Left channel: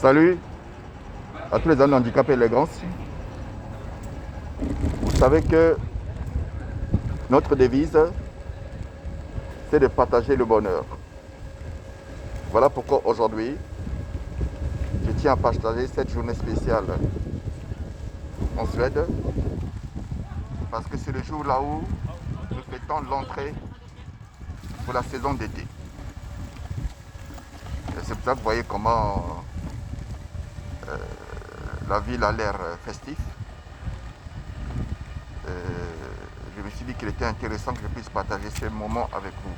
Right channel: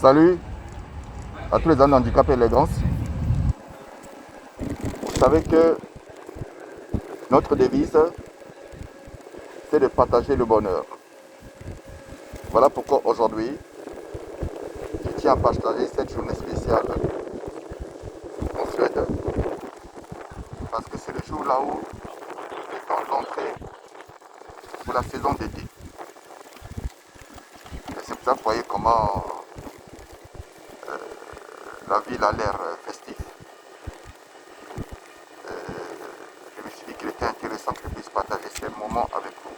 Salut à tous les amis handicapés élégance. Vous savez que notre devise, c'est de partager le bonheur. Voilà pourquoi aujourd'hui, je tiens à partager cette journée spéciale en Suède. Parce que c'est le jour là où nous fêtons l'entrée pour la saison d'été. Et c'est pour ça que vous voyez comment la ville a l'air festive. Je me suis dit qu'il était intéressant que je puisse partager ces moments avec vous.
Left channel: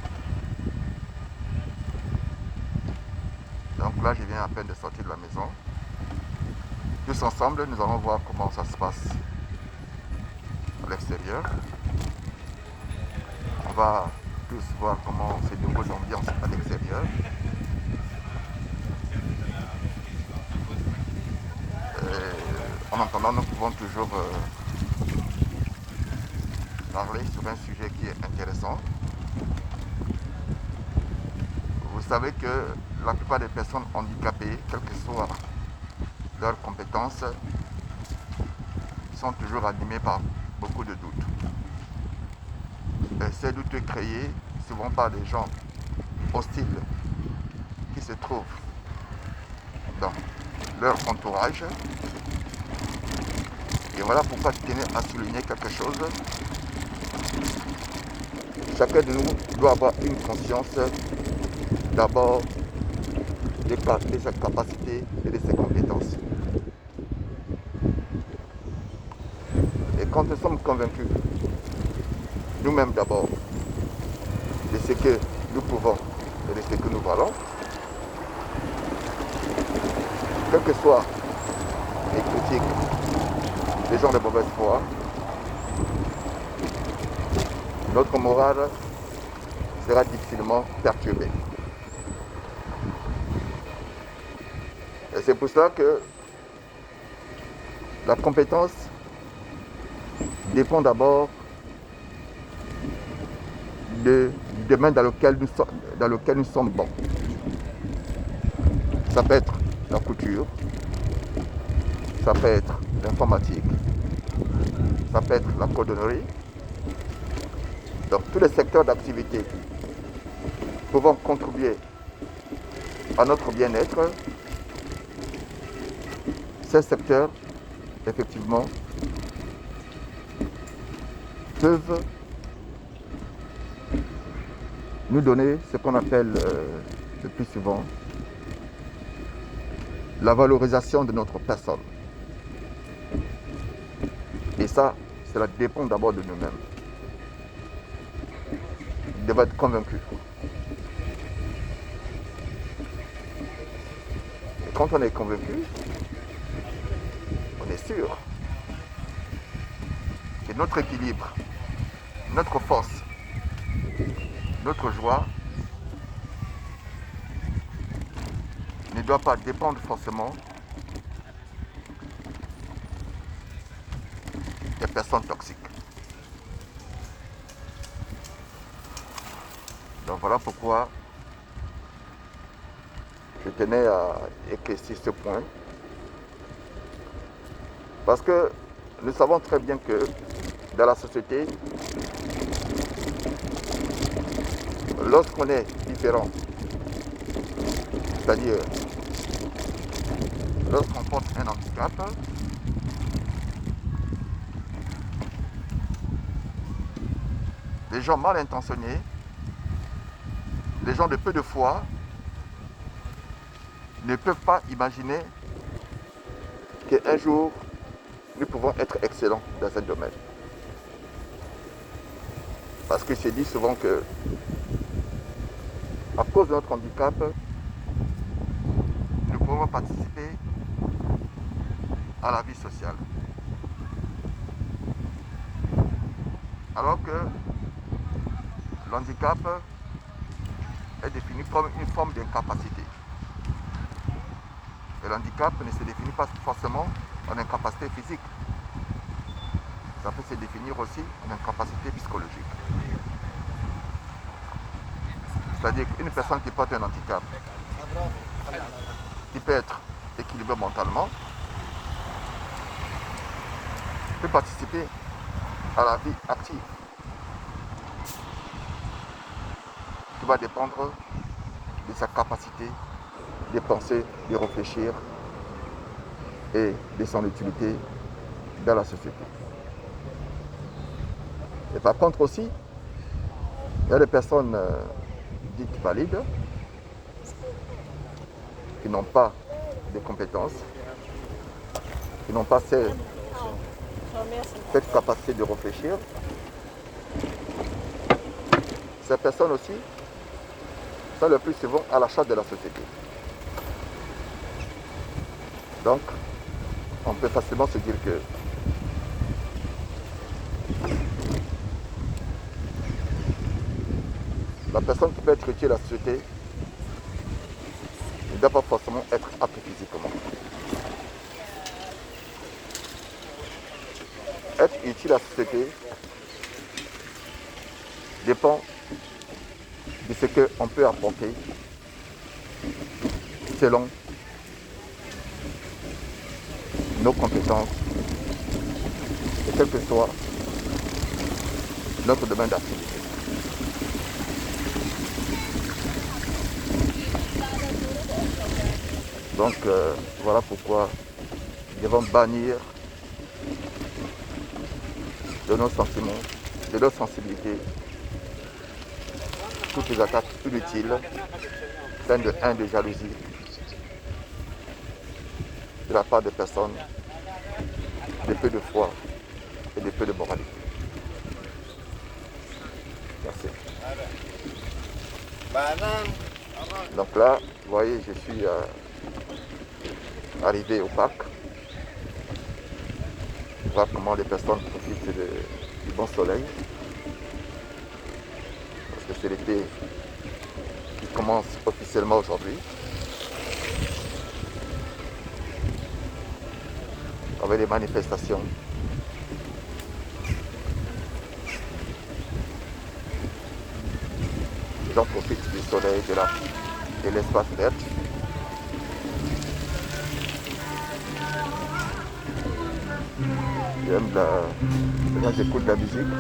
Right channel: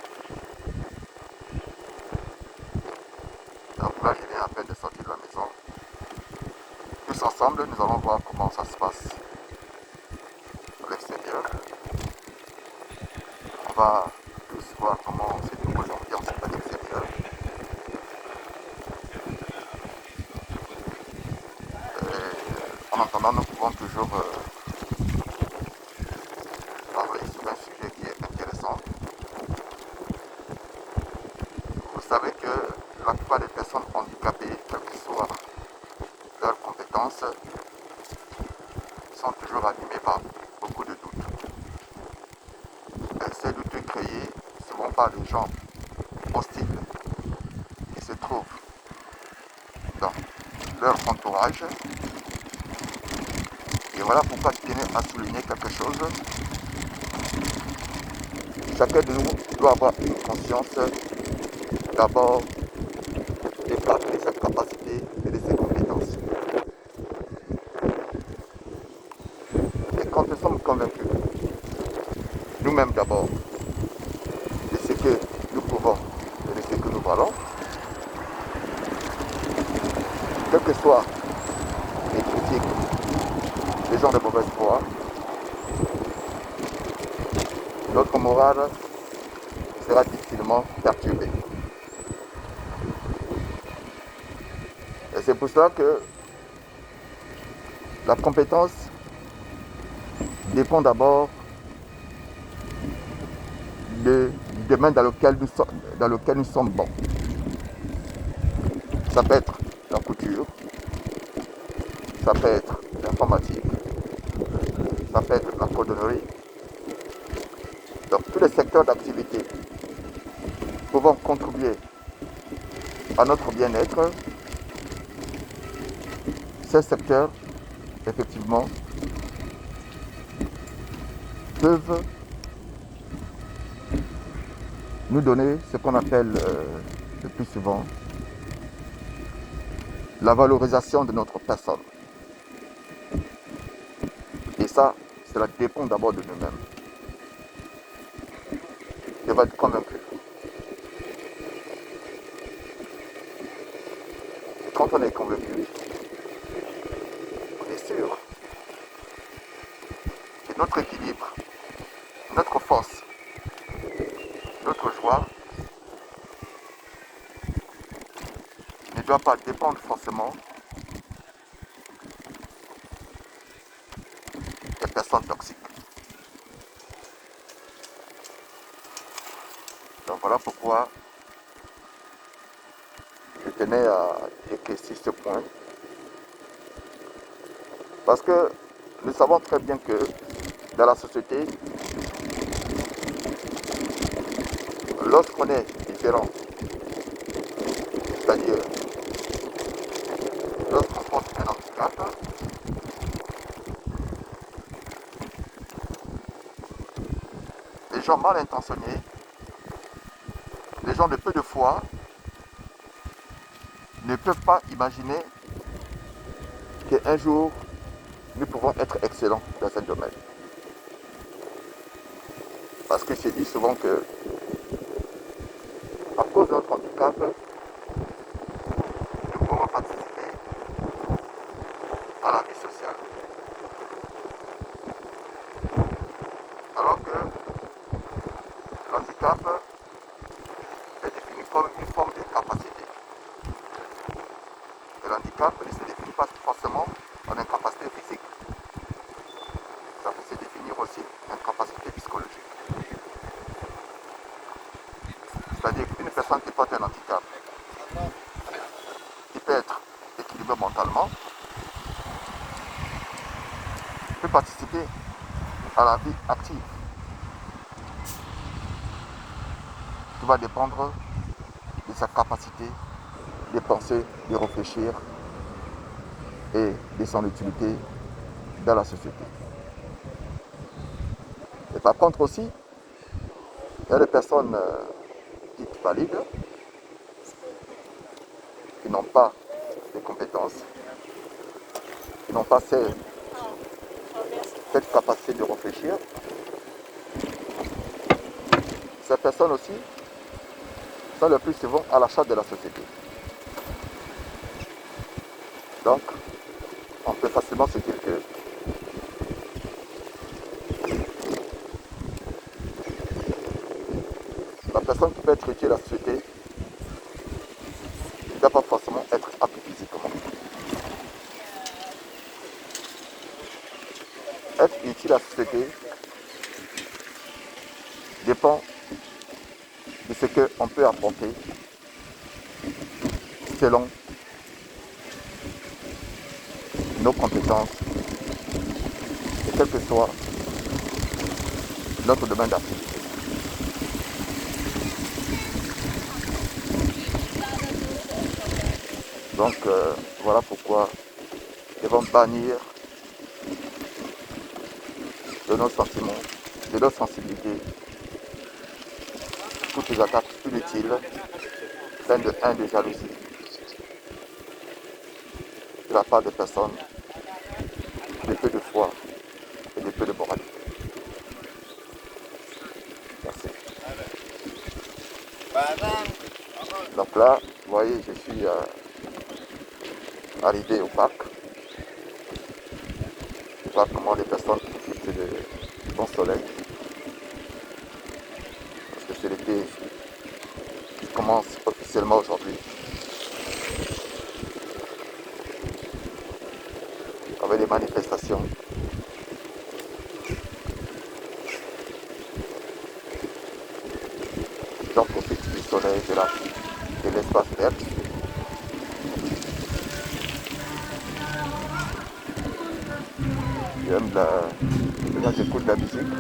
Donc là, je viens à peine de sortir de la maison. Tous ensemble, nous allons voir comment ça se passe à l'extérieur. On va tous voir comment ces nouvelles ambiances à l'extérieur. En attendant, nous pouvons toujours parler sur un sujet qui est intéressant. Vous savez que la plupart des personnes handicapées, quelles que soient leurs compétences, sont toujours animées par beaucoup de doutes. Et ces doutes créés souvent par des gens hostiles qui se trouvent dans leur entourage. Et voilà pourquoi je tenais à souligner quelque chose. Chacun de nous doit avoir une conscience d'abord de sa capacité et de ses compétences. Et quand nous sommes convaincus, nous-mêmes d'abord, de ce que nous pouvons et de ce que nous valons, quels que soient les critiques, les gens de mauvaise foi, notre morale sera difficilement perturbée. Et c'est pour cela que la compétence dépend d'abord du domaine dans lequel nous sommes bons. Ça peut être la couture, ça peut être l'informatique, ça peut être la cordonnerie. Donc tous les secteurs d'activité pouvant contribuer à notre bien-être, ces secteurs, effectivement, peuvent nous donner ce qu'on appelle le plus souvent la valorisation de notre personne. Et ça, cela dépend d'abord de nous-mêmes. Il devrait être convaincu. Et quand on est convaincu, on est sûr que notre équilibre, notre force, notre joie ne doit pas dépendre forcément des personnes toxiques. Donc voilà pourquoi je tenais à éclaircir ce point. Parce que nous savons très bien que dans la société, lorsqu'on est différent, c'est-à-dire lorsqu'on porte un handicap, les gens mal intentionnés, les gens de peu de foi, ne peuvent pas imaginer qu'un jour, nous pouvons être excellents dans ce domaine. Parce que je dis souvent que, à cause de notre handicap, nous pouvons participer à la vie sociale. Alors que l'handicap est défini comme une forme de capacité. Et l'handicap ne se définit pas forcément en incapacité physique. Ça peut se définir aussi en incapacité psychologique. C'est-à-dire qu'une personne qui porte un handicap, qui peut être équilibré mentalement, peut participer à la vie active. Tout va dépendre de sa capacité de penser, de réfléchir et de son utilité dans la société. Et par contre aussi, il y a des personnes dites valides qui n'ont pas de compétences, qui n'ont pas cette capacité de réfléchir. Ces personnes aussi sont le plus souvent à la charge de la société. Donc, on peut facilement se dire que la personne qui peut être utile à la société ne doit pas forcément être apte physiquement. Être utile à la société dépend de ce qu'on peut apporter selon nos compétences et quel que soit notre domaine d'activité. Donc voilà pourquoi nous devons bannir de nos sentiments, de nos sensibilités, toutes les attaques inutiles, pleines de haine, de jalousie, de la part des personnes de peu de foi et de peu de moralité. Merci. Donc là, vous voyez, je suis arrivé au parc. Je vois comment les personnes profitent du bon soleil. Parce que c'est l'été qui commence officiellement aujourd'hui. Avec des manifestations. Les gens profitent du soleil, de l'espace vert. Les gens écoutent la musique.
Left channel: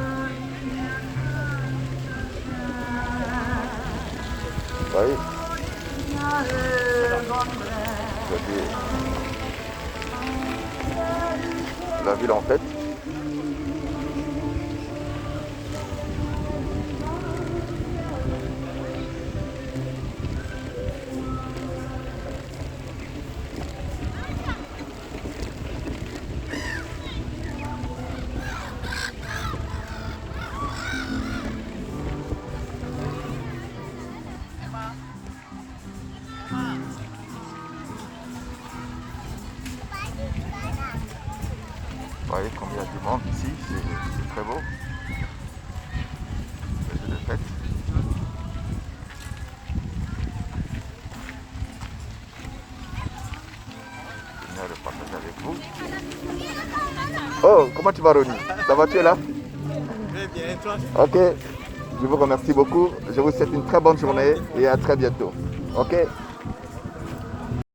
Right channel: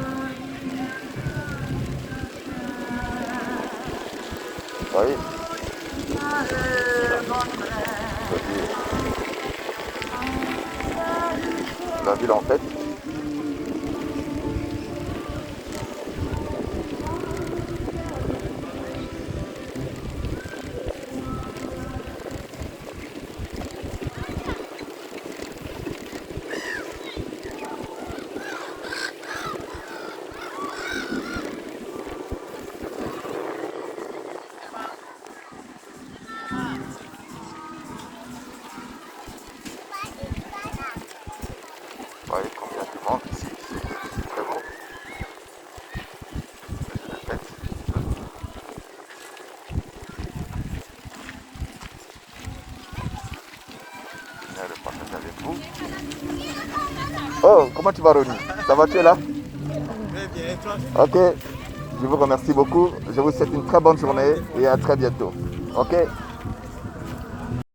Oui. La ville en tête. Vous voyez combien il y a du monde ici, c'est très beau. C'est une fête. Je viens de partager avec vous. Oh, comment tu vas, Ronnie? Ça va, tu es là? Très bien, toi? Ok, je vous remercie beaucoup. Je vous souhaite une très bonne journée et à très bientôt. Ok?